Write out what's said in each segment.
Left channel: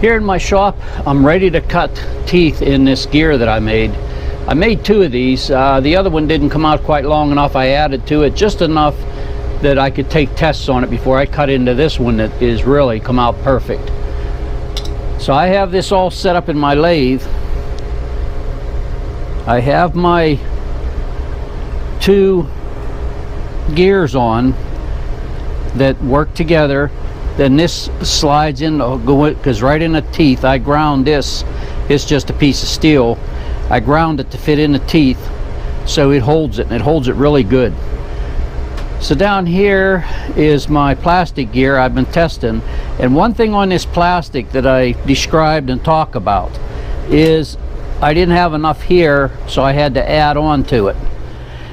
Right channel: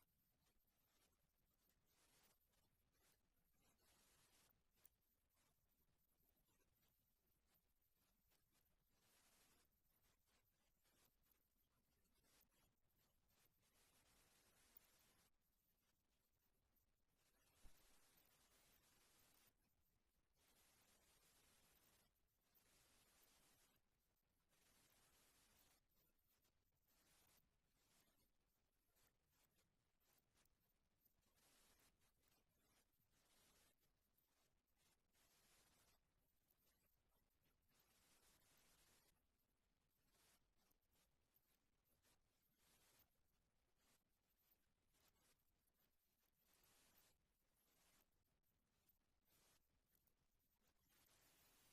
Here in my shop, I'm ready to cut teeth in this gear that I made. I made two of these. The other one didn't come out quite long enough. I added to it just enough that I could take tests on it before I cut into this one that is really come out perfect. So I have this all set up in my lathe. I have my two gears on that work together. Then this slides in because right in the teeth I ground this. It's just a piece of steel. I ground it to fit in the teeth so it holds it, and it holds it really good. So down here is my plastic gear I've been testing, and one thing on this plastic that I described and talk about is I didn't have enough here, so I had to add on to it.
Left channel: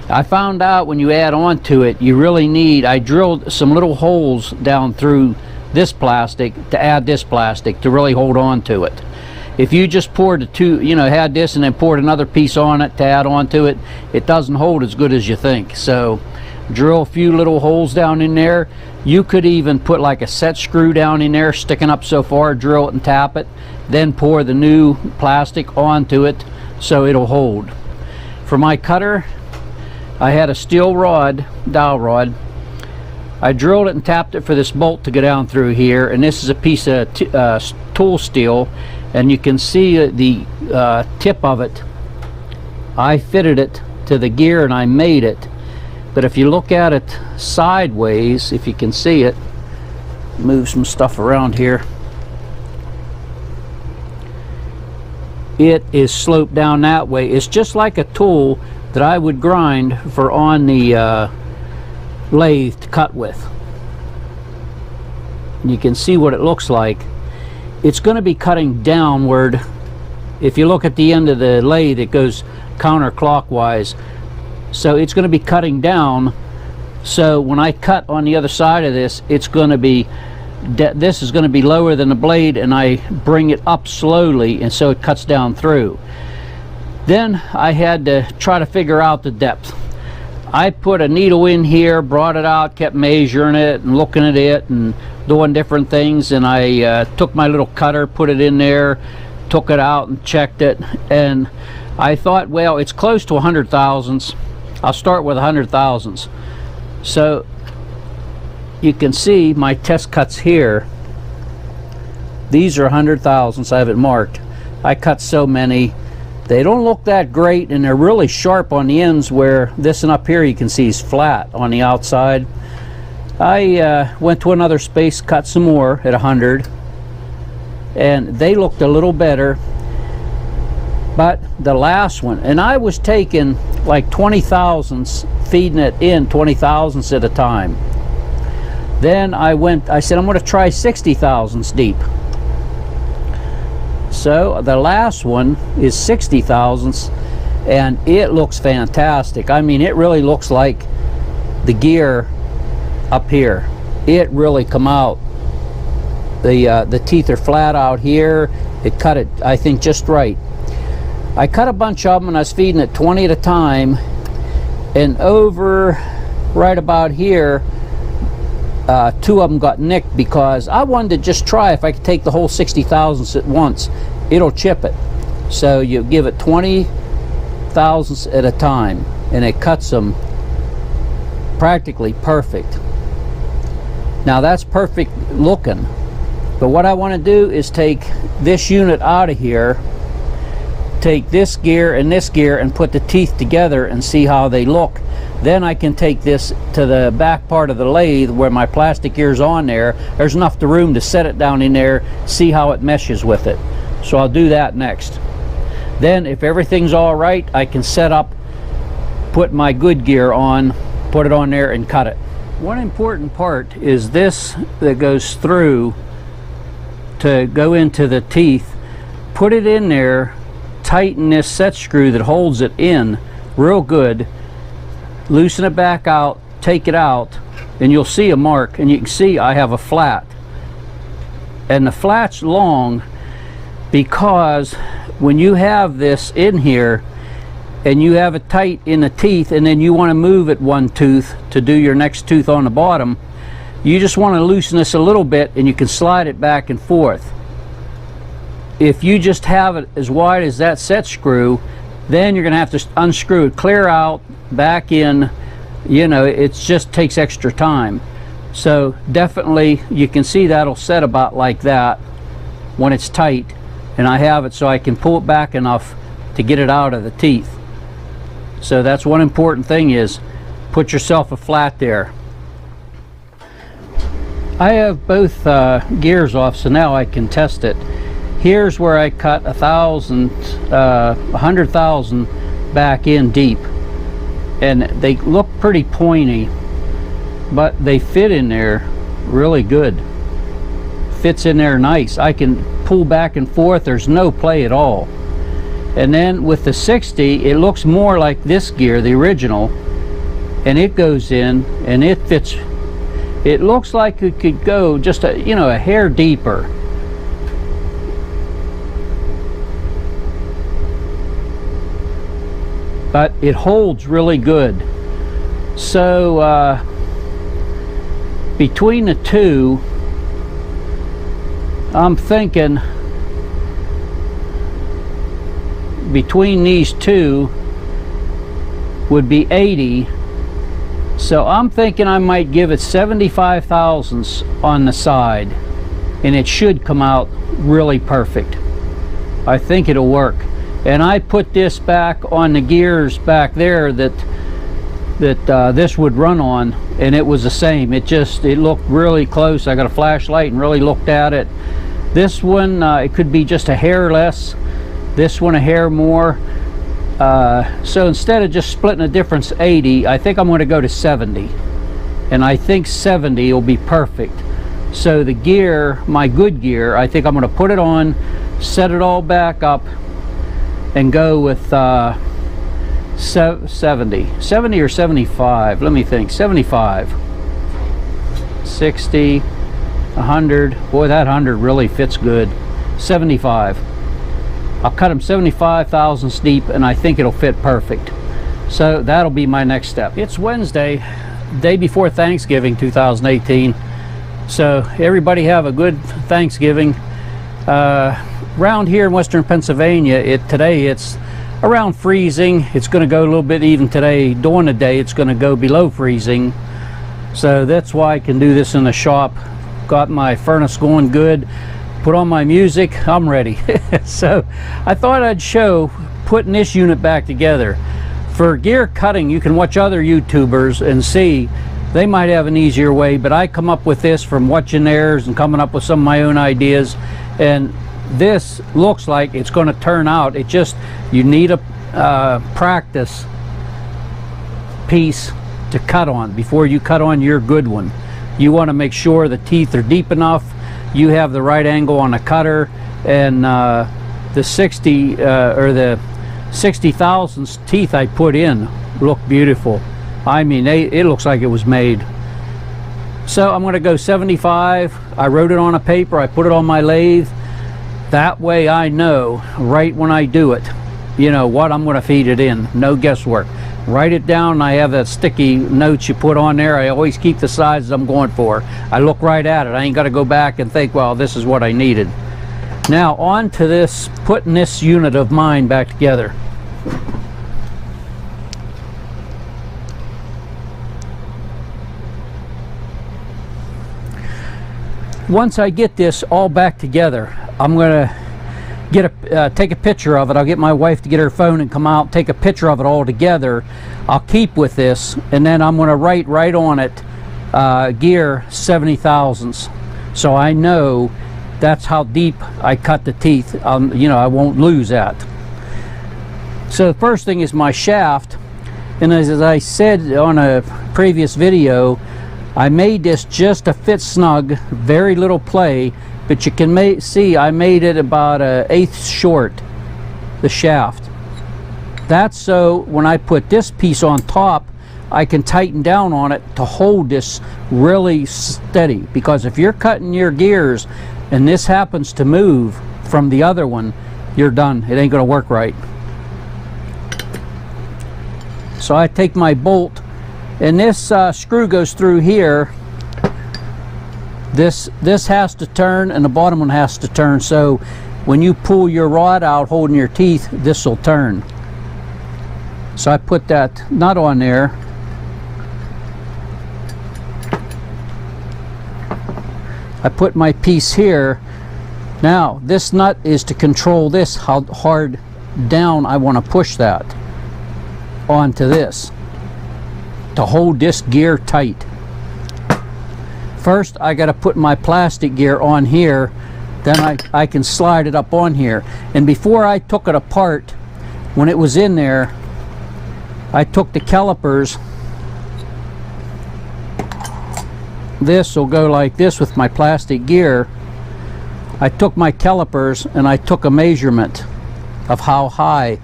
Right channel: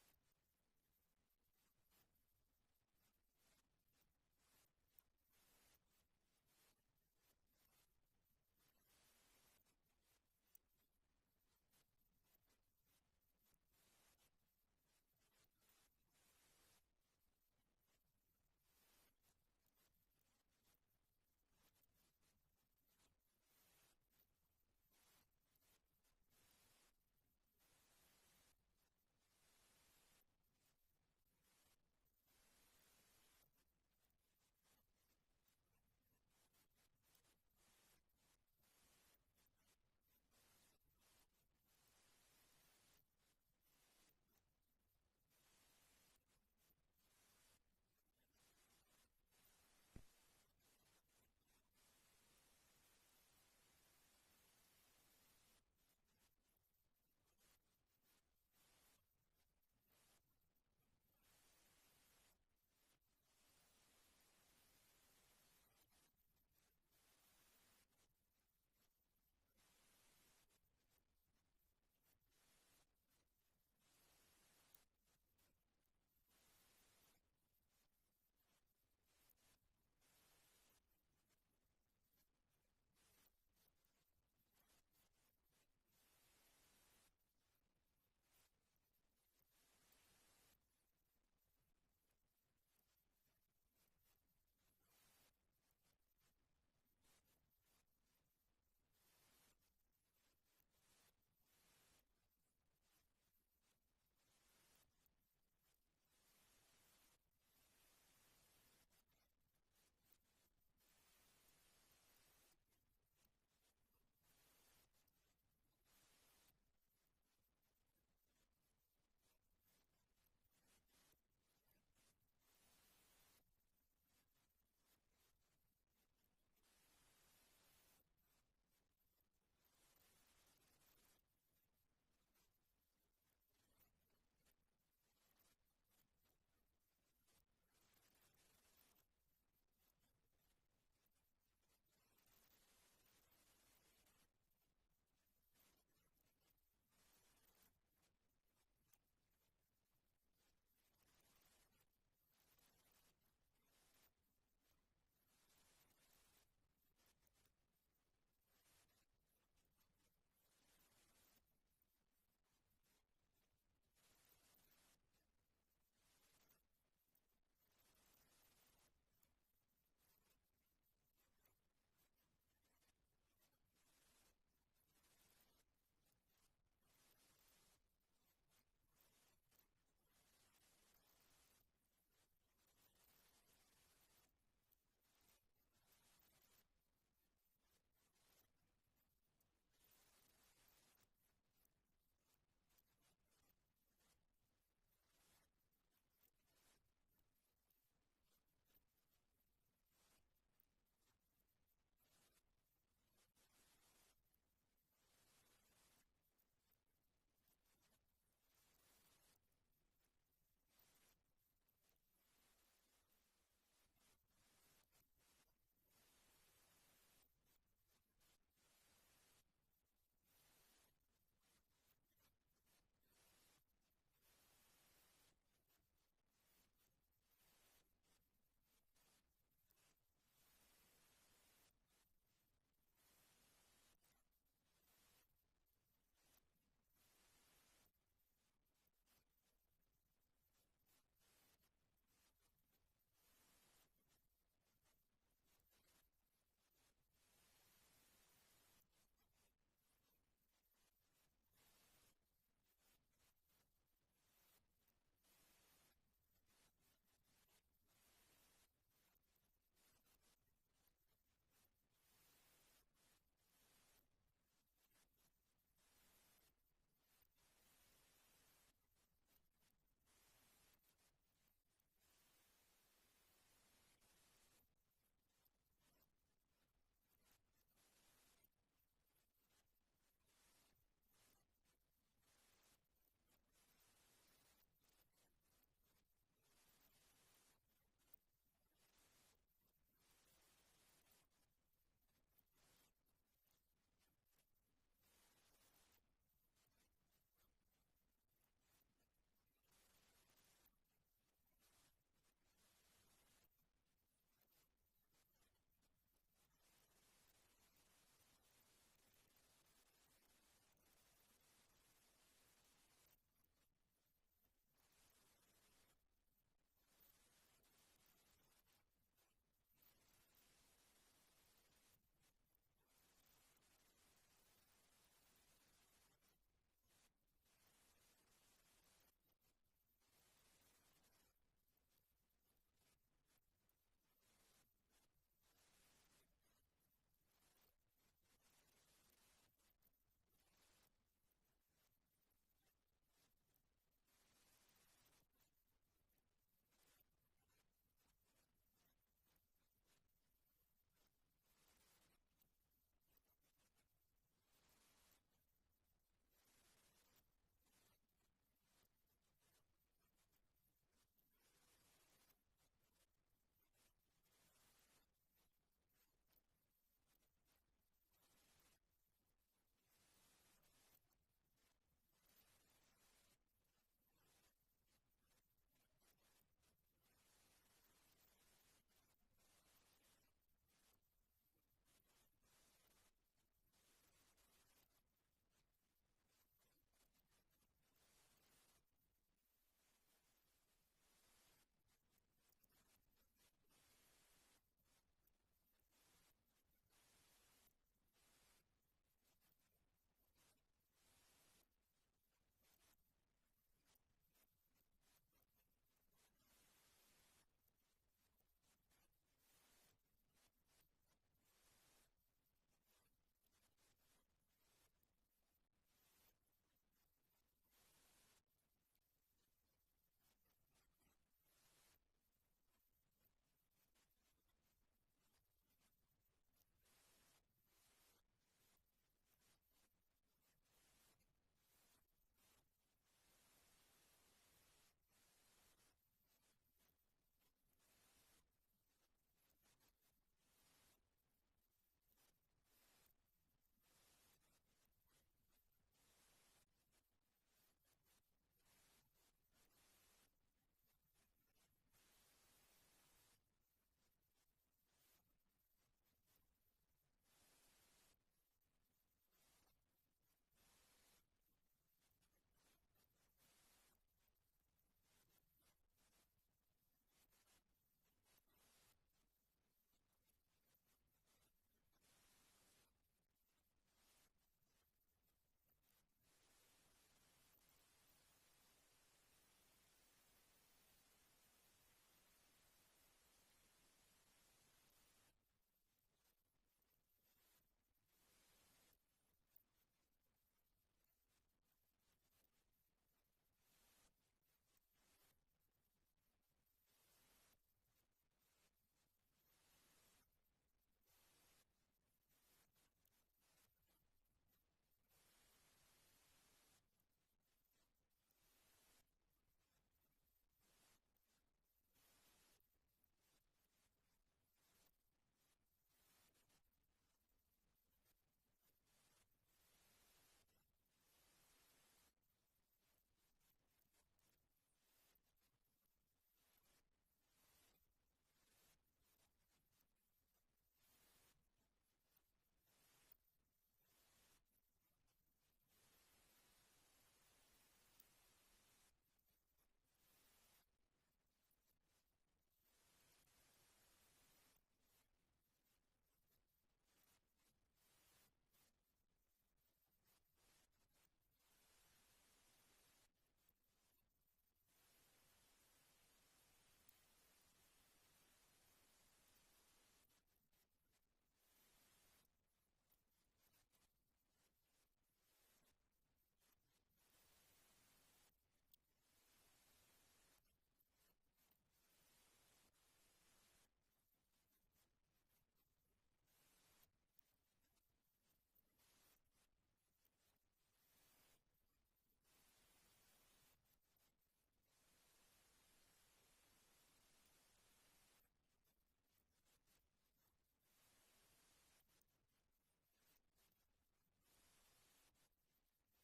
I found out when you add on to it, you really need, I drilled some little holes down through this plastic to add this plastic to really hold on to it. If you just poured the two, had this and then poured another piece on it to add on to it, it doesn't hold as good as you think. So drill a few little holes down in there. You could even put like a set screw down in there sticking up so far, drill it and tap it, then pour the new plastic onto it so it'll hold. For my cutter, I had a steel rod, dowel rod. I drilled it and tapped it for this bolt to go down through here, and this is a piece of tool steel, and you can see the tip of it. I fitted it to the gear and I made it, but if you look at it sideways, if you can see it, move some stuff around here, it is sloped down that way. It's just like a tool that I would grind for on the lathe to cut with. You can see what it looks like. It's going to be cutting downward. If you look at the end of the lathe, it goes counterclockwise, so it's going to be cutting down. So when I cut on the other side of this, it's going to be this is going to be lower than the blade, and I bring it up slowly, and so it cuts down through. Then I had to try to figure out the depth. I put a needle in here, brought it out, kept measuring it and looking at it and doing different things, and I took my little cutter, put it in there, took it out and checked it, and I thought, well, it's close to 100 thousandths. I'll start with 100 thousandths. So you can see my test cuts here. These are 100 thousandths. I have it marked. I cut so many. They don't look that great, and they're really sharp on the ends, where this one up here you can see is flat on the outside. I went to another space, cut some more at 100, and they looked a little better. But the last one, and I was taking like 20 thousandths, feeding it in 20 thousandths at a time. Then I said I'm going to try 60 thousandths deep. So the last one is 60 thousandths, and it looks fantastic. I mean, it really looks like the gear up here. It really come out. The teeth are flat out here. It cut it, I think, just right. I cut a bunch of them, and I was feeding it 20 at a time, and over right about here, two of them got nicked because I wanted to just try if I could take the whole 60 thousandths at once. It'll chip it. So you give it 20 thousandths at a time, and it cuts them practically perfect. Now that's perfect looking, but what I want to do is take this unit out of here, take this gear and put the teeth together and see how they look. Then I can take this to the back part of the lathe where my plastic gear's on there. There's enough room to set it down in there, see how it meshes with it. So I'll do that next. Then if everything's all right, I can set up, put my good gear on, put it on there and cut it. One important part is this that goes through to go into the teeth. Put it in there, tighten this set screw that holds it in real good, loosen it back out, take it out, and you'll see a mark, and you can see I have a flat. And the flat's long because when you have this in here and you have it tight in the teeth, and then you want to move it one tooth to do your next tooth on the bottom, you just want to loosen this a little bit, and you can slide it back and forth. if you just have it as wide as that set screw, then you're going to have to unscrew it clear out, back in. You know, it just takes extra time. So definitely you can see that'll set about like that when it's tight, and I have it so I can pull it back enough to get it out of the teeth. So that's one important thing, is put yourself a flat there. I have both gears off, so now I can test it. Here's where I cut 100,000 back in deep, and they look pretty pointy, but they fit in there really good. Fits in there nice. I can pull back and forth, there's no play at all. And then with the 60, it looks more like this gear, the original, and it goes in and it fits. It looks like it could go just a, you know, a hair deeper. But it holds really good. So between the two, I'm thinking between these two would be 80. So I'm thinking I might give it 75 thousandths on the side, and it should come out really perfect. I think it'll work. And I put this back on the gears back there that this would run on, and it was the same. It looked really close. I got a flashlight and really looked at it. This one, it could be just a hair less. This one a hair more. So instead of just splitting the difference 80, I think I'm going to go to 70. And I think 70 will be perfect. So the gear, my good gear, I think I'm going to put it on, set it all back up, and go with 70 or 75. Let me think. 75, 60, 100. Boy, that 100 really fits good. 75. I'll cut them 75 thousandths deep, and I think it'll fit perfect. So that'll be my next step. It's Wednesday, day before Thanksgiving 2018. So everybody have a good Thanksgiving. Around here in western Pennsylvania, today it's around freezing. It's going to go a little bit even today. During the day it's going to go below freezing. So that's why I can do this in the shop. Got my furnace going good. Put on my music, I'm ready. So I thought I'd show putting this unit back together. For gear cutting, you can watch other YouTubers and see they might have an easier way, but I come up with this from watching theirs and coming up with some of my own ideas, and this looks like it's going to turn out. It just, you need a practice piece to cut on before you cut on your good one. You want to make sure the teeth are deep enough, you have the right angle on the cutter, and the 60 or the 60 thousandths teeth I put in look beautiful. I mean, it looks like it was made. So I'm going to go 75. I wrote it on a paper, I put it on my lathe. That way I know right when I do it, you know, what I'm going to feed it in. No guesswork. Write it down. I have that sticky notes you put on there. I always keep the sizes I'm going for. I look right at it. I ain't got to go back and think, well, this is what I needed. Now on to this, putting this unit of mine back together. Once I get this all back together, I'm going to take a picture of it. I'll get my wife to get her phone and come out, take a picture of it all together. I'll keep with this, and then I'm going to write right on it gear 70 thousandths, so I know that's how deep I cut the teeth. You know, I won't lose that. So the first thing is my shaft, and as I said on a previous video, I made this just to fit snug, very little play. But you can see I made it about an 1/8 short, the shaft. That's so when I put this piece on top, I can tighten down on it to hold this really steady. Because if you're cutting your gears and this happens to move from the other one, you're done. It ain't going to work right. So I take my bolt, and this screw goes through here. This has to turn, and the bottom one has to turn. So when you pull your rod out holding your teeth, this will turn. So I put that nut on there. I put my piece here. Now this nut is to control this, how hard down I want to push that onto this to hold this gear tight. First I got to put my plastic gear on here, then I can slide it up on here. And before I took it apart, when it was in there, I took the calipers. This will go like this with my plastic gear. I took my calipers and I took a measurement of how high,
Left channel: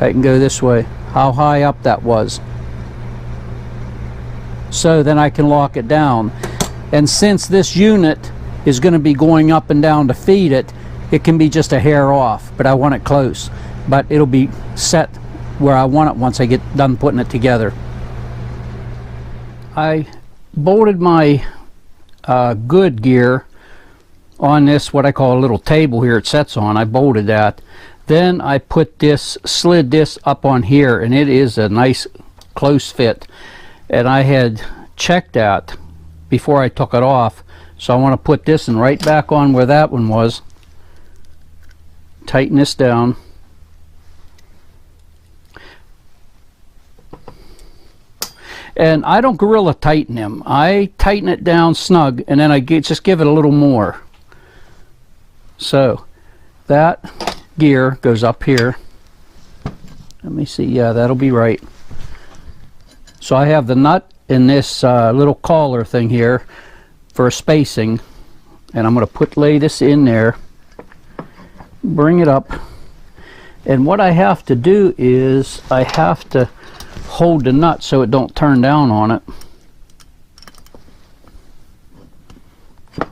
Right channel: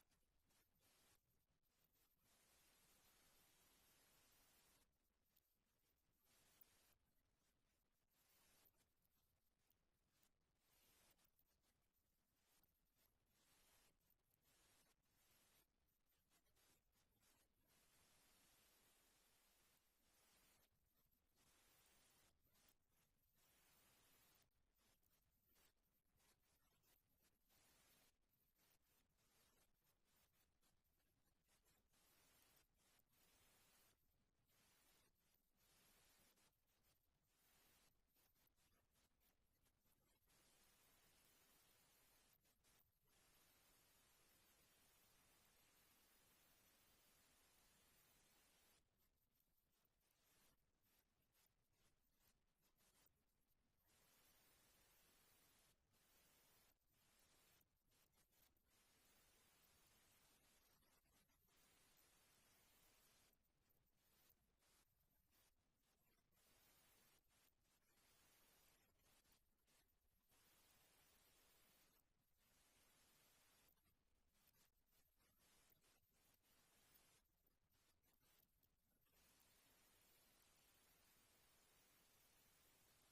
I can go this way, how high up that was. So then I can lock it down. And since this unit is going to be going up and down to feed it, it can be just a hair off, but I want it close. But it'll be set where I want it once I get done putting it together. I bolted my good gear on this, what I call a little table here it sets on. I bolted that. Then I put this, slid this up on here, and it is a nice close fit. And I had checked that before I took it off, so I want to put this in right back on where that one was. Tighten this down. And I don't gorilla tighten them. I tighten it down snug, and then I just give it a little more. So that gear goes up here. Let me see, yeah, that'll be right. So I have the nut in this little collar thing here for spacing, and I'm going to lay this in there, bring it up, and what I have to do is I have to hold the nut so it don't turn down on it.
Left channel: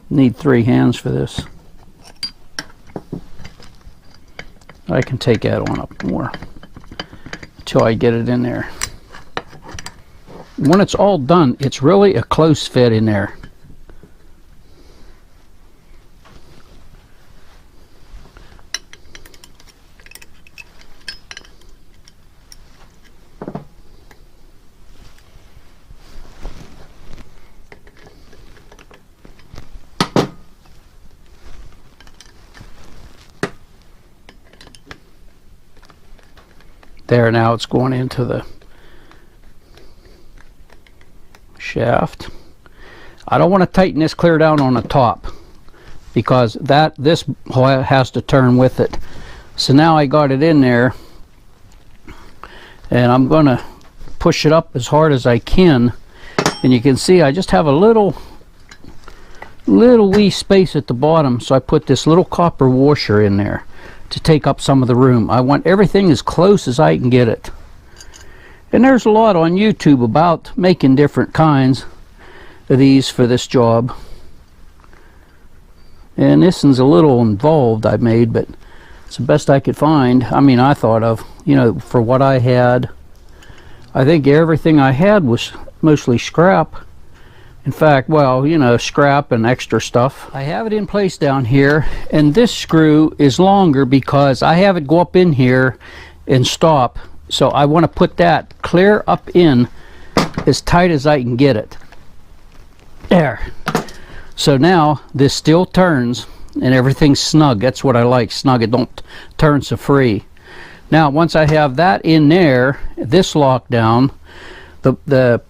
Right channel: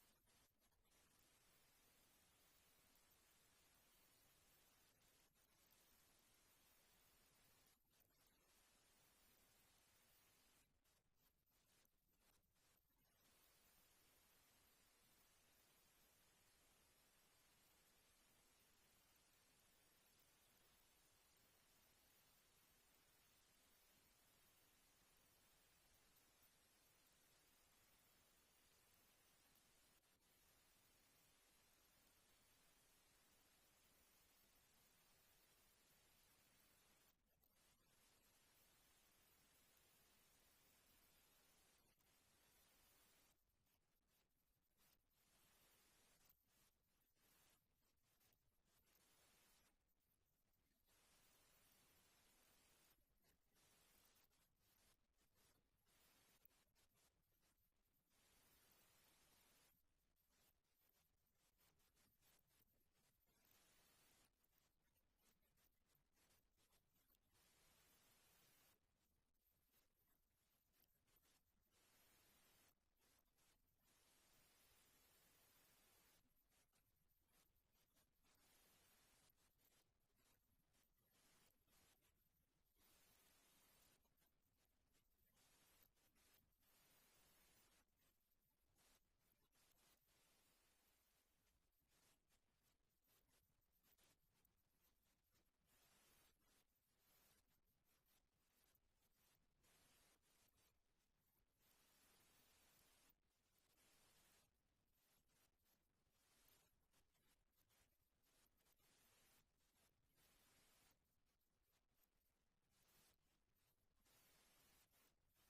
Need 3 hands for this. I can take that on up more until I get it in there. When it's all done, it's really a close fit in there. There, now it's going into the shaft. I don't want to tighten this clear down on the top because this has to turn with it. So now I got it in there, and I'm going to push it up as hard as I can, and you can see I just have a little wee space at the bottom, so I put this little copper washer in there to take up some of the room. I want everything as close as I can get it. And there's a lot on YouTube about making different kinds of these for this job. And this one's a little involved I made, but it's the best I could find. I mean, I thought of, you know, for what I had. I think everything I had was mostly scrap. In fact, well, you know, scrap and extra stuff. I have it in place down here, and this screw is longer because I have it go up in here and stop. So I want to put that clear up in as tight as I can get it. There. So now this still turns and everything's snug. That's what I like, snug. It don't turn so free. Now once I have that in there, this locked down, the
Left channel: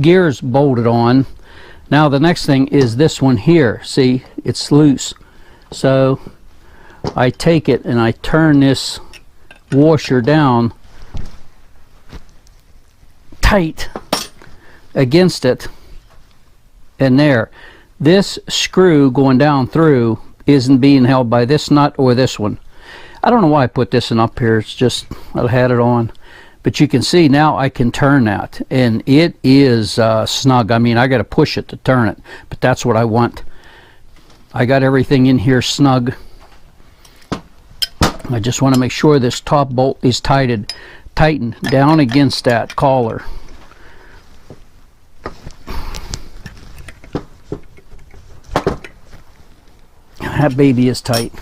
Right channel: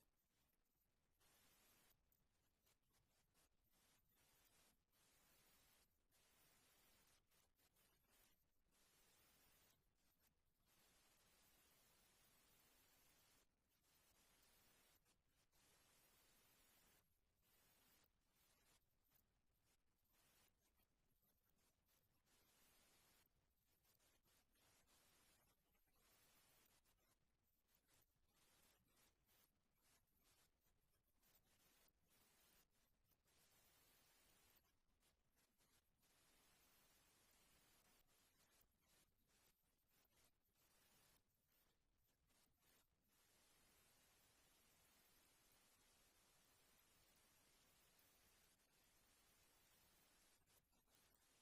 gears bolted on. Now the next thing is this one here. See, it's loose. So I take it and I turn this washer down tight against it, and there. This screw going down through isn't being held by this nut or this one. I don't know why I put this one up here. It's just I had it on. But you can see now I can turn that, and it is snug. I mean, I got to push it to turn it, but that's what I want. I got everything in here snug. I just want to make sure this top bolt is tightened down against that collar. That baby is tight.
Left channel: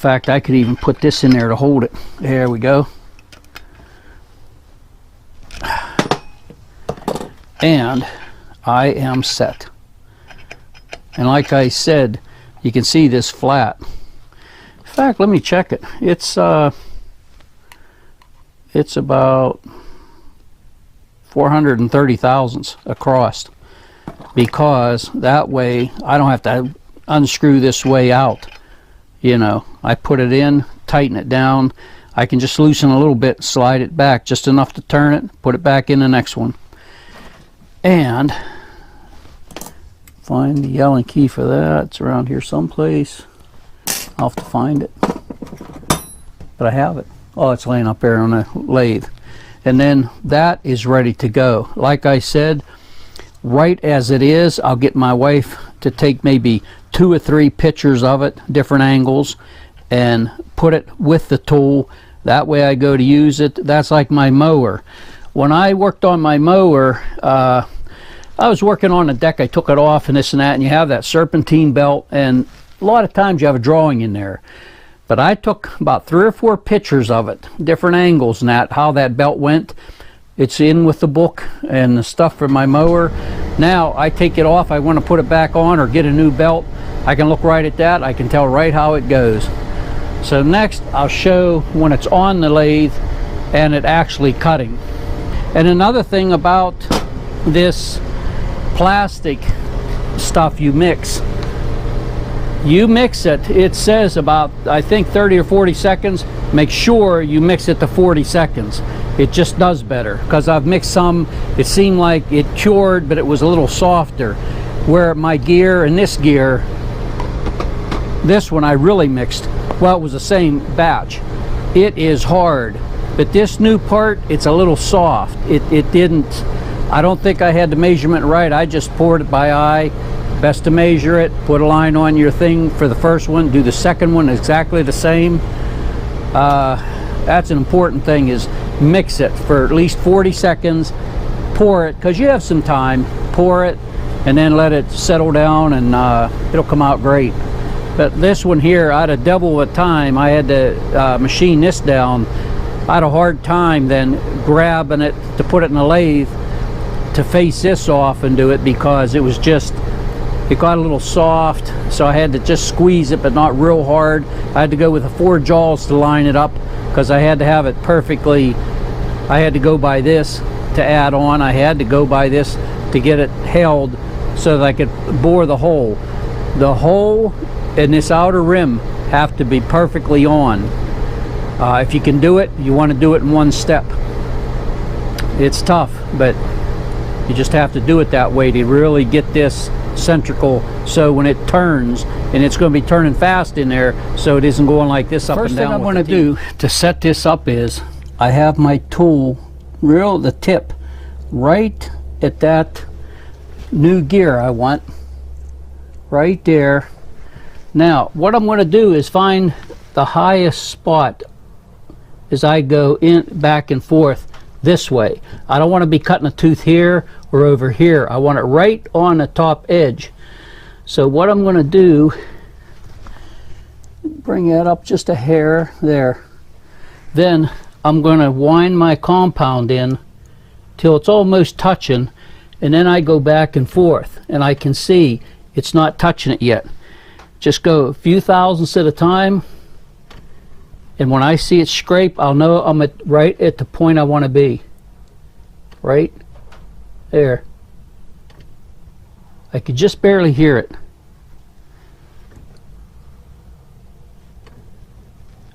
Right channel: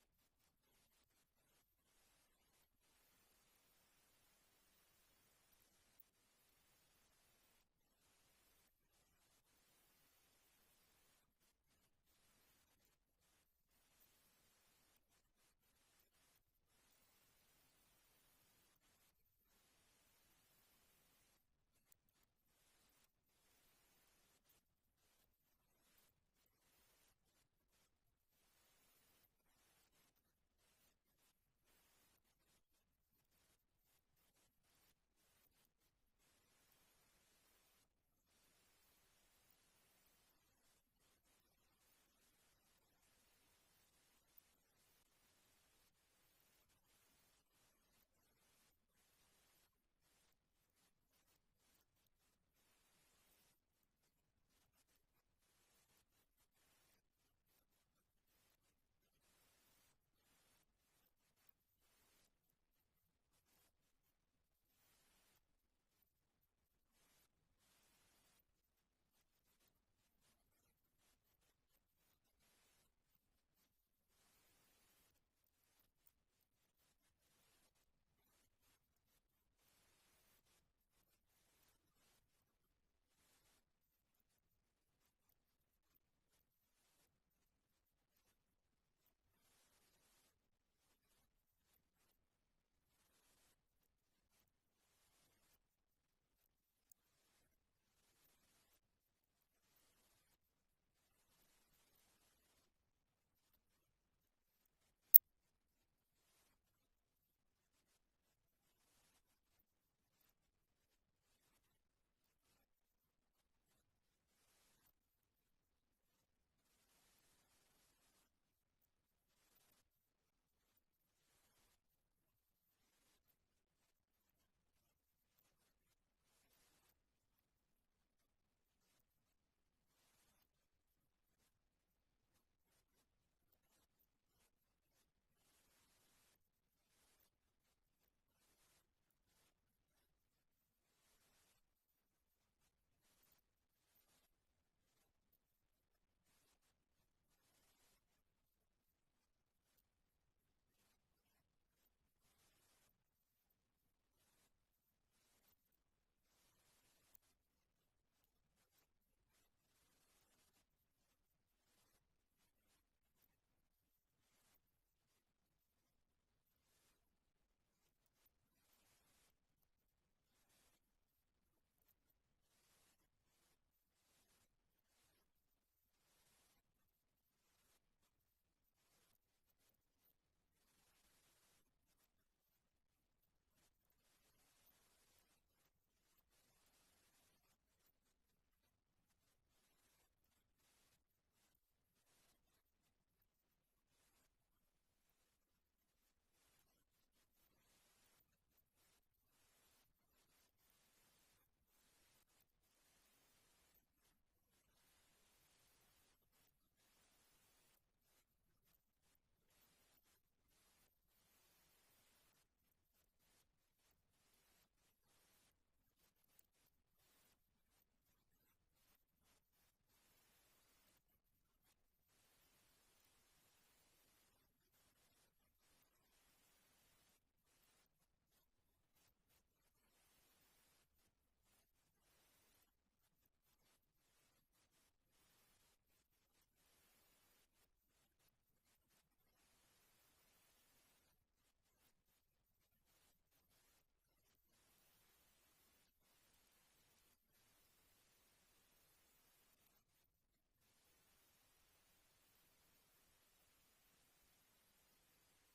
fact, I could even put this in there to hold it. There we go. And I am set. And like I said, you can see this flat. In fact, let me check it. It's about 430 thousandths across, because that way I don't have to unscrew this way out. You know, I put it in, tighten it down. I can just loosen a little bit, slide it back just enough to turn it, put it back in the next one. And find the Allen key for that. It's around here someplace. I'll have to find it. But I have it. Oh, it's laying up there on the lathe. And then that is ready to go. Like I said, right as it is, I'll get my wife to take maybe 2 or 3 pictures of it, different angles, and put it with the tool. That way I go to use it. That's like my mower. When I worked on my mower, I was working on the deck. I took it off and this and that, and you have that serpentine belt, and a lot of times you have a drawing in there. But I took about 3 or 4 pictures of it, different angles and that, how that belt went. It's in with the book and the stuff for my mower. Now I take it off, I want to put it back on or get a new belt. I can look right at that, I can tell right how it goes. So next I'll show when it's on the lathe and it actually cutting. And another thing about this plastic stuff you mix it, it says about, I think 30 or 40 seconds. Make sure you mix it to 40 seconds. It just does better, because I've mixed some, it seemed like it cured, but it was a little softer. Where my gear and this gear, this one I really mixed, well, it was the same batch. It is hard, but this new part, it's a little soft. It didn't, I don't think I had the measurement right. I just poured it by eye. Best to measure it, put a line on your thing for the first one, do the second one exactly the same. That's an important thing, is mix it for at least 40 seconds, pour it, because you have some time, pour it, and then let it settle down, and it'll come out great. But this one here, I had a double the time. I had to machine this down. I had a hard time then grabbing it to put it in the lathe to face this off and do it, because it was just, it got a little soft, so I had to just squeeze it, but not real hard. I had to go with the 4 jaws to line it up, because I had to have it perfectly. I had to go by this to add on. I had to go by this to get it held so that I could bore the hole. The hole and this outer rim have to be perfectly on. If you can do it, you want to do it in one step. It's tough, but you just have to do it that way to really get this centrical, so when it turns, and it's going to be turning fast in there, so it isn't going like this up and down. First thing I'm going to do to set this up is I have my tool, the tip, right at that new gear I want, right there. Now what I'm going to do is find the highest spot as I go in back and forth this way. I don't want to be cutting a tooth here or over here. I want it right on the top edge. So what I'm going to do, bring that up just a hair there. Then I'm going to wind my compound in till it's almost touching, and then I go back and forth, and I can see it's not touching it yet. Just go a few thousandths at a time, and when I see it scrape, I'll know I'm right at the point I want to be. Right there. I could just barely hear it.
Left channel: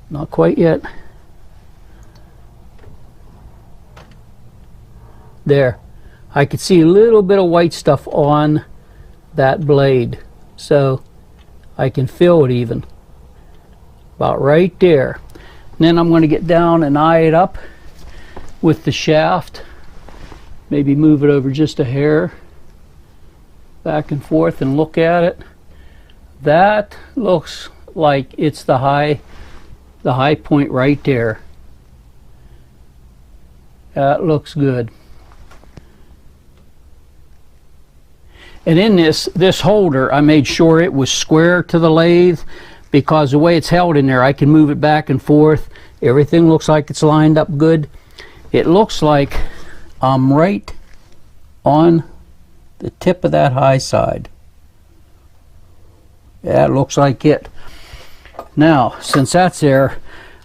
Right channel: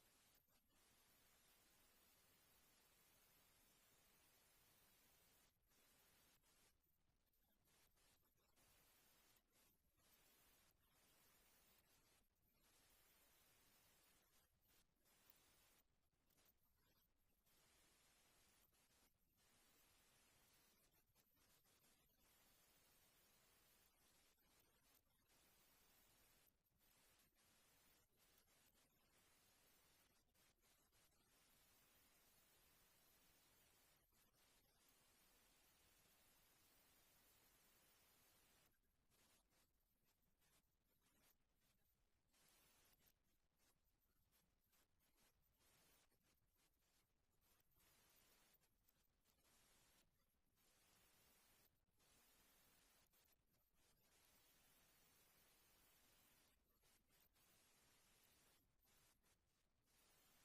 Not quite yet. There. I could see a little bit of white stuff on that blade, so I can feel it even. About right there. And then I'm going to get down and eye it up with the shaft. Maybe move it over just a hair, back and forth, and look at it. That looks like it's the high point right there. That looks good. And in this holder, I made sure it was square to the lathe, because the way it's held in there, I can move it back and forth. Everything looks like it's lined up good. It looks like I'm right on the tip of that high side. Yeah, it looks like it. Now, since that's there,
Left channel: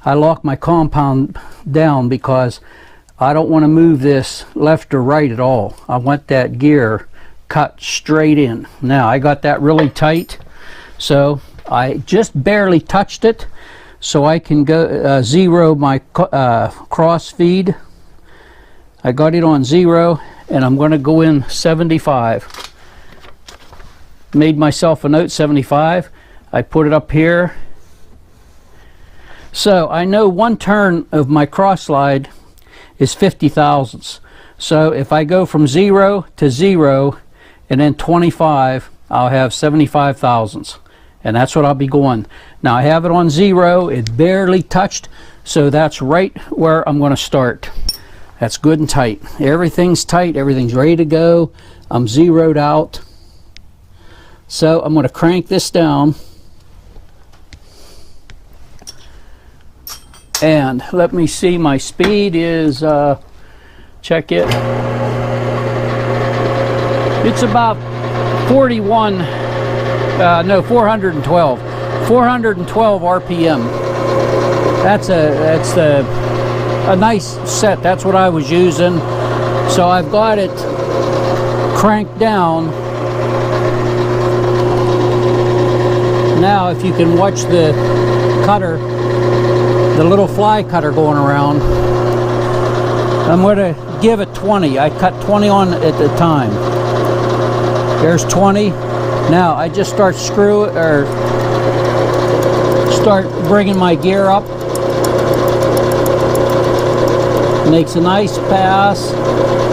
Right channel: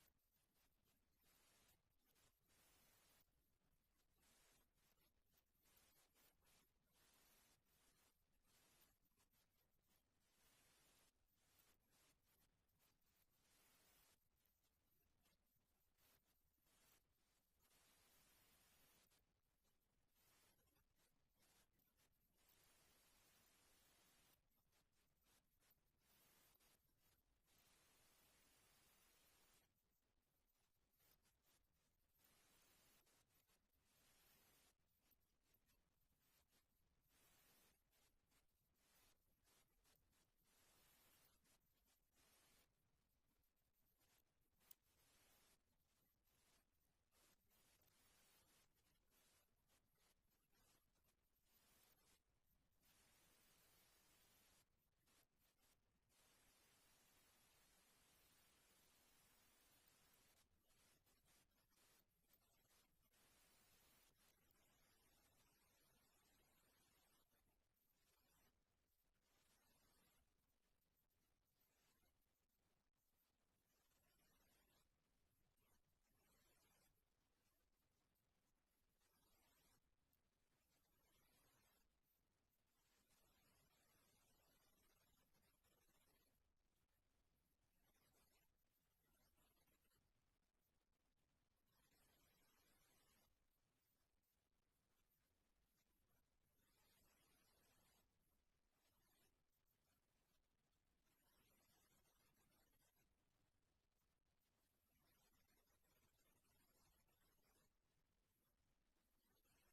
I lock my compound down because I don't want to move this left or right at all. I want that gear cut straight in. Now, I got that really tight, so I just barely touched it, so I can go zero my cross feed. I got it on 0, and I'm going to go in 75. Made myself a note, 75. I put it up here. So I know 1 turn of my cross slide is 50 thousandths. So if I go from 0 to 0 and then 25, I'll have 75 thousandths. And that's what I'll be going. Now I have it on 0, it barely touched, so that's right where I'm going to start. That's good and tight. Everything's tight, everything's ready to go. I'm zeroed out. So I'm going to crank this down. And let me see, my speed is, check it. It's about 41, no, 412. 412 RPM. That's a nice set. That's what I was using. So I've got it cranked down. Now if you can watch the cutter, the little fly cutter going around, I'm going to give it 20. I cut 20 on at the time. There's 20. Now I just start start bringing my gear up. Makes a nice pass.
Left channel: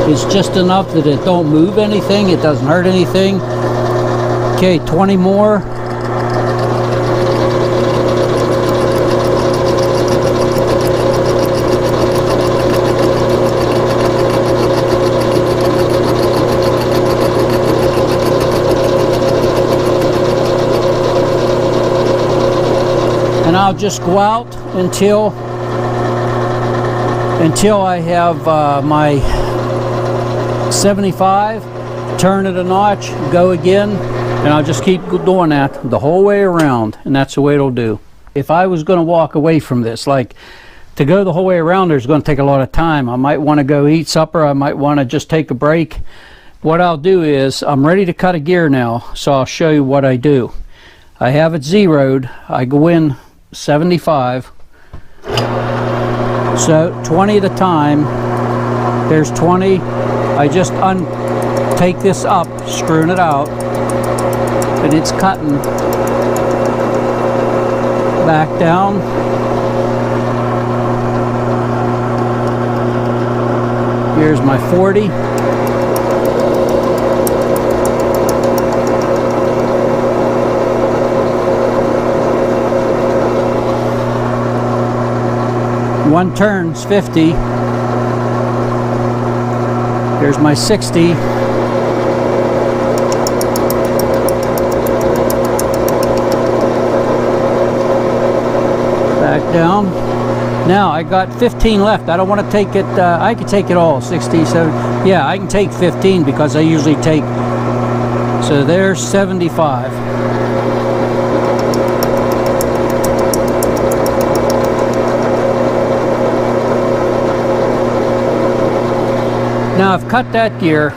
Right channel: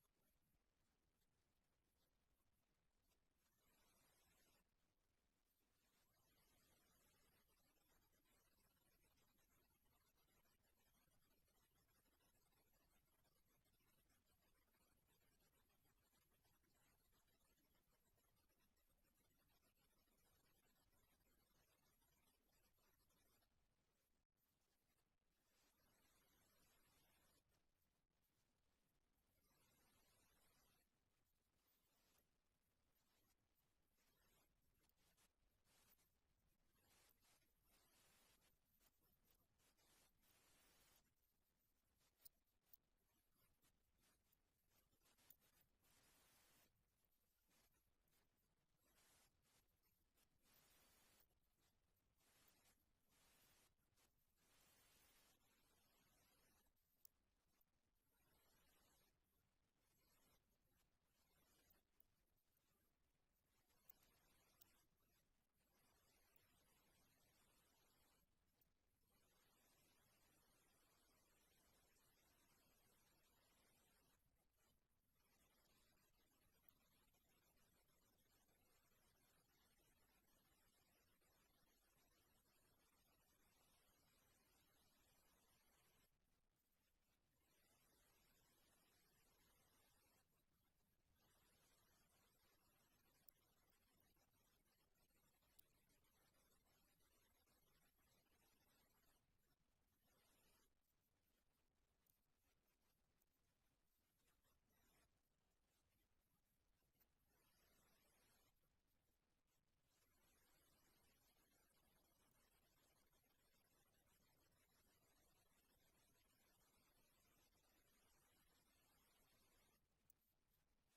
It's just enough that it don't move anything. It doesn't hurt anything. Okay, 20 more. And I'll just go out until I have my 75, turn it a notch, go again, and I'll just keep doing that the whole way around, and that's the way it'll do. If I was going to walk away from this, like to go the whole way around, there's going to take a lot of time. I might want to go eat supper, I might want to just take a break. What I'll do is, I'm ready to cut a gear now, so I'll show you what I do. I have it zeroed, I go in 75, so 20 at a time. There's 20. I just take this up, screwing it out, and it's cutting back down. Here's my 40. One turn's 50. Here's my 60. Back down. Now I got 15 left. I don't want to take it, I could take it all, 60, 70. Yeah, I can take 15 because I usually take, so there's 75. Now I've cut that gear.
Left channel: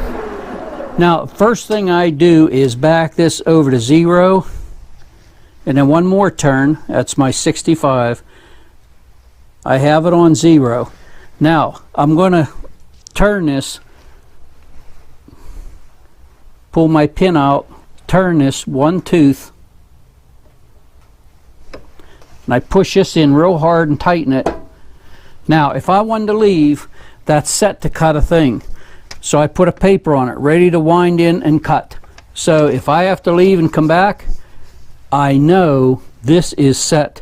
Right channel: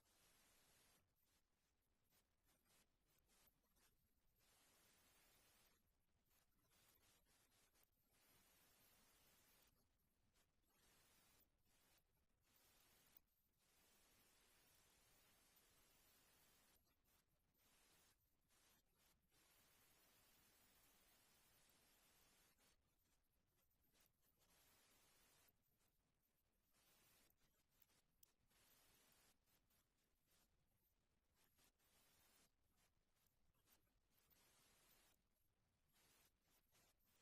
Now first thing I do is back this over to 0, and then one more turn. That's my 65. I have it on 0. Now I'm going to turn this, pull my pin out, turn this one tooth, and I push this in real hard and tighten it. Now if I wanted to leave, that's set to cut a thing. So I put a paper on it, ready to wind in and cut. So if I have to leave and come back, I know this is set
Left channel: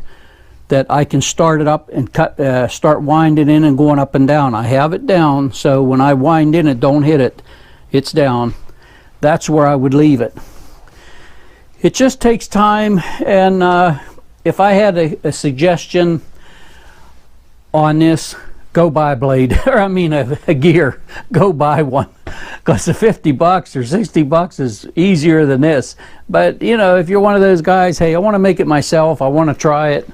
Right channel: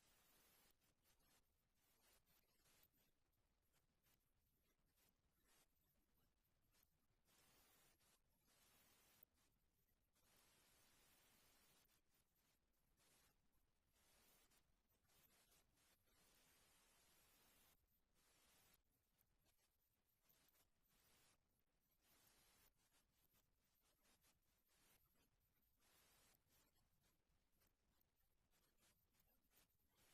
that I can start it up and cut, start winding in and going up and down. I have it down, so when I wind in it, don't hit it. It's down. That's where I would leave it. It just takes time, and if I had a suggestion on this, go buy a blade, or I mean a gear. Go buy one, because the 50 bucks or 60 bucks is easier than this. But you know, if you're one of those guys, hey, I want to make it myself, I want to try it.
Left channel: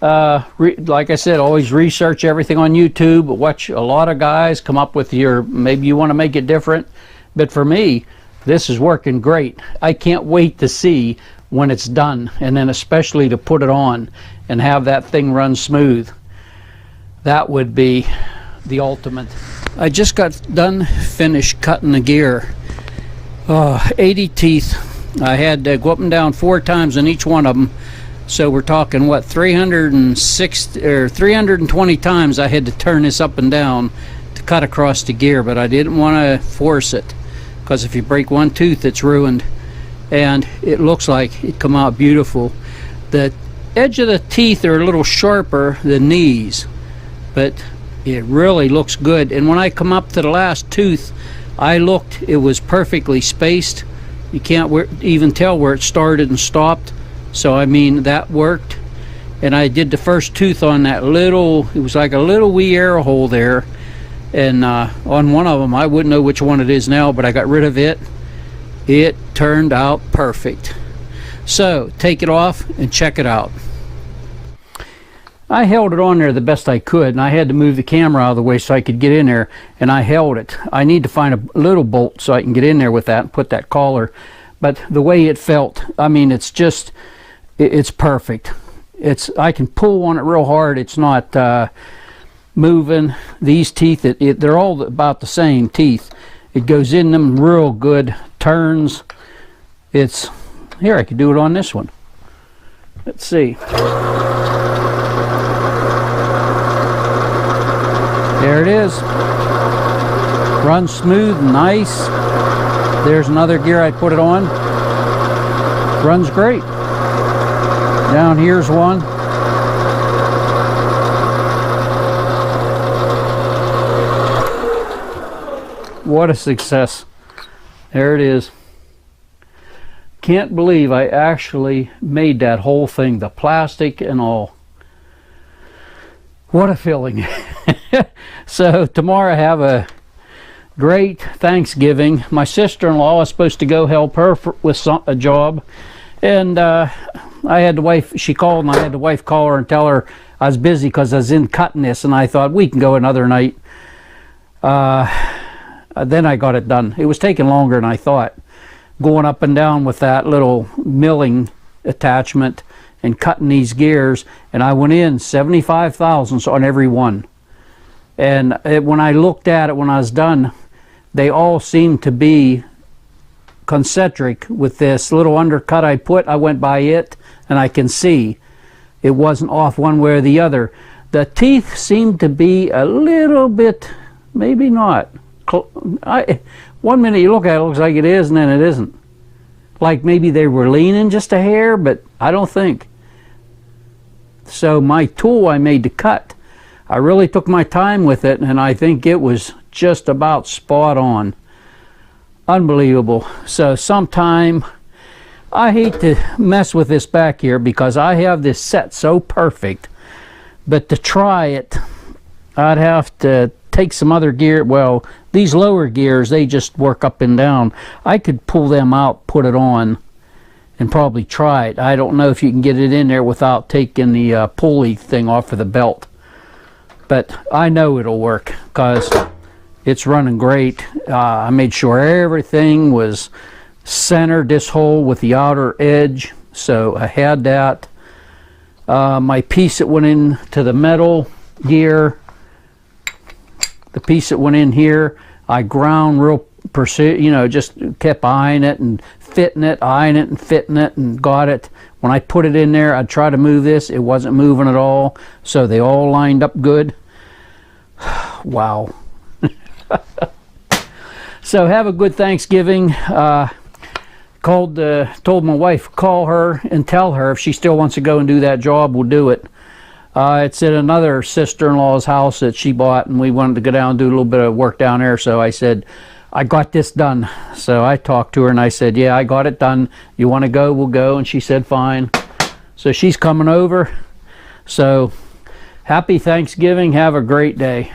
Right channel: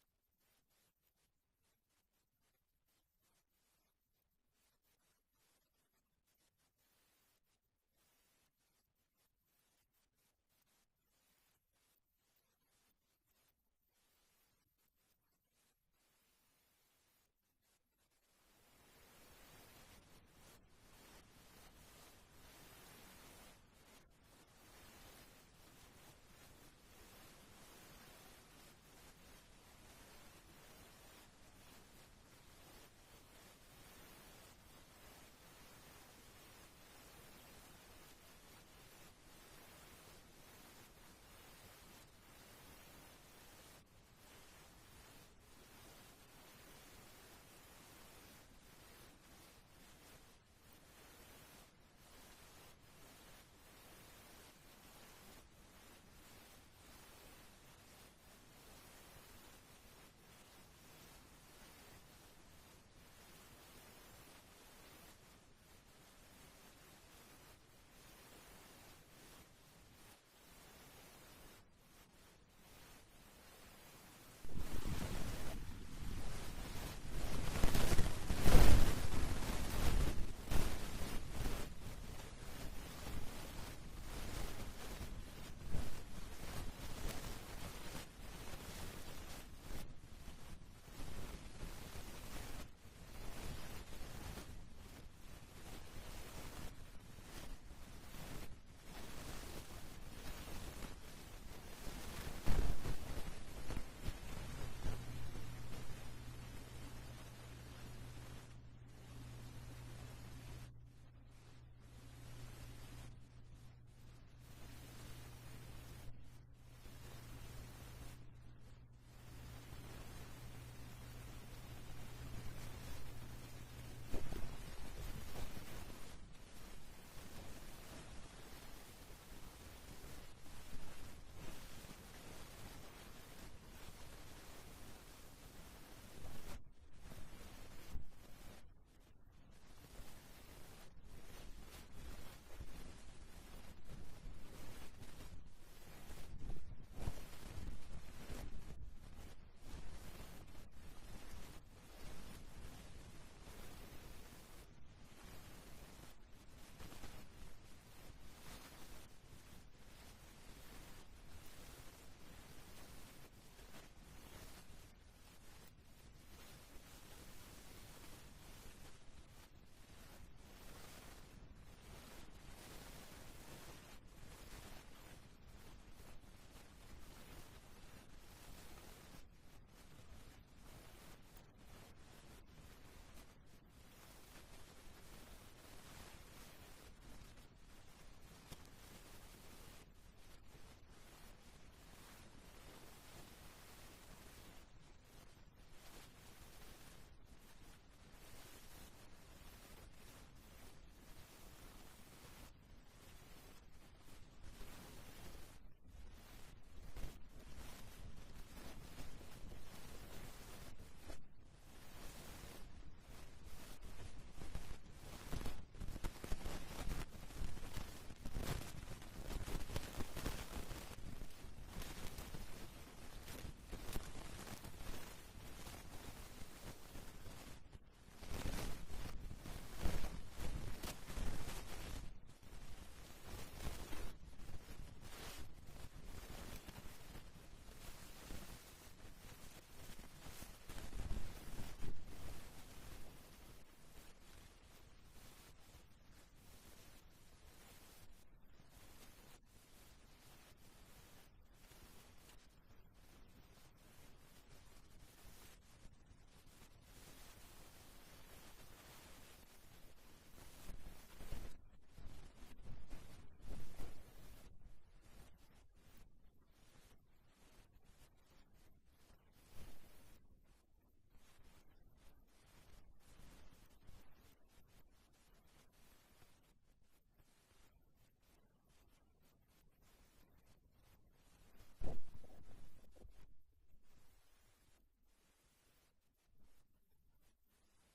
Like I said, always research everything on YouTube. Watch a lot of guys come up with your, maybe you want to make it different. But for me, this is working great. I can't wait to see when it's done, and then especially to put it on and have that thing run smooth. That would be the ultimate. I just got done finished cutting the gear. 80 teeth. I had to go up and down 4 times on each one of them. So we're talking, what, 306 or 320 times I had to turn this up and down to cut across the gear, but I didn't want to force it, because if you break one tooth, it's ruined. And it looks like it come out beautiful. The edge of the teeth are a little sharper than these, but it really looks good. And when I come up to the last tooth, I looked, it was perfectly spaced. You can't even tell where it started and stopped. So I mean, that worked. And I did the first tooth on that little, it was like a little wee air hole there. And on one of them, I wouldn't know which one it is now, but I got rid of it. It turned out perfect. So take it off and check it out. I held it on there the best I could, and I had to move the camera out of the way so I could get in there, and I held it. I need to find a little bolt so I can get in there with that and put that collar. But the way it felt, I mean, it's just, it's perfect. I can pull on it real hard. It's not moving. These teeth, they're all about the same teeth. It goes in them real good, turns. It's, here, I could do it on this one. Let's see. There it is. Runs smooth, nice. There's another gear I put it on. Runs great. Down here's one. What a success. There it is. Can't believe I actually made that whole thing, the plastic and all. What a feeling. So tomorrow I have a great Thanksgiving. My sister-in-law was supposed to go help her with a job, and I had the wife, she called, and I had the wife call her and tell her I was busy because I was in cutting this, and I thought we can go another night. Then I got it done. It was taking longer than I thought, going up and down with that little milling attachment and cutting these gears, and I went in 75 thousandths on every one. And when I looked at it when I was done, they all seemed to be concentric with this little undercut I put. I went by it, and I can see it wasn't off one way or the other. The teeth seemed to be a little bit, maybe not. One minute you look at it, it looks like it is, and then it isn't. Like maybe they were leaning just a hair, but I don't think. So my tool I made to cut, I really took my time with it, and I think it was just about spot on. Unbelievable. So sometime, I hate to mess with this back here because I have this set so perfect, but to try it, I'd have to take some other gear. Well, these lower gears, they just work up and down. I could pull them out, put it on, and probably try it. I don't know if you can get it in there without taking the pulley thing off of the belt. But I know it'll work because it's running great. I made sure everything was centered, this hole with the outer edge. So I had that. My piece that went into the metal gear, the piece that went in here, I ground real precision, you know, just kept eyeing it and fitting it, eyeing it and fitting it, and got it. When I put it in there, I'd try to move this. It wasn't moving at all, so they all lined up good. Wow. So have a good Thanksgiving. Told my wife, call her and tell her if she still wants to go and do that job, we'll do it. It's at another sister-in-law's house that she bought, and we wanted to go down and do a little bit of work down there, so I said, I got this done. So I talked to her and I said, yeah, I got it done. You want to go? We'll go. And she said, fine. So she's coming over. So happy Thanksgiving. Have a great day.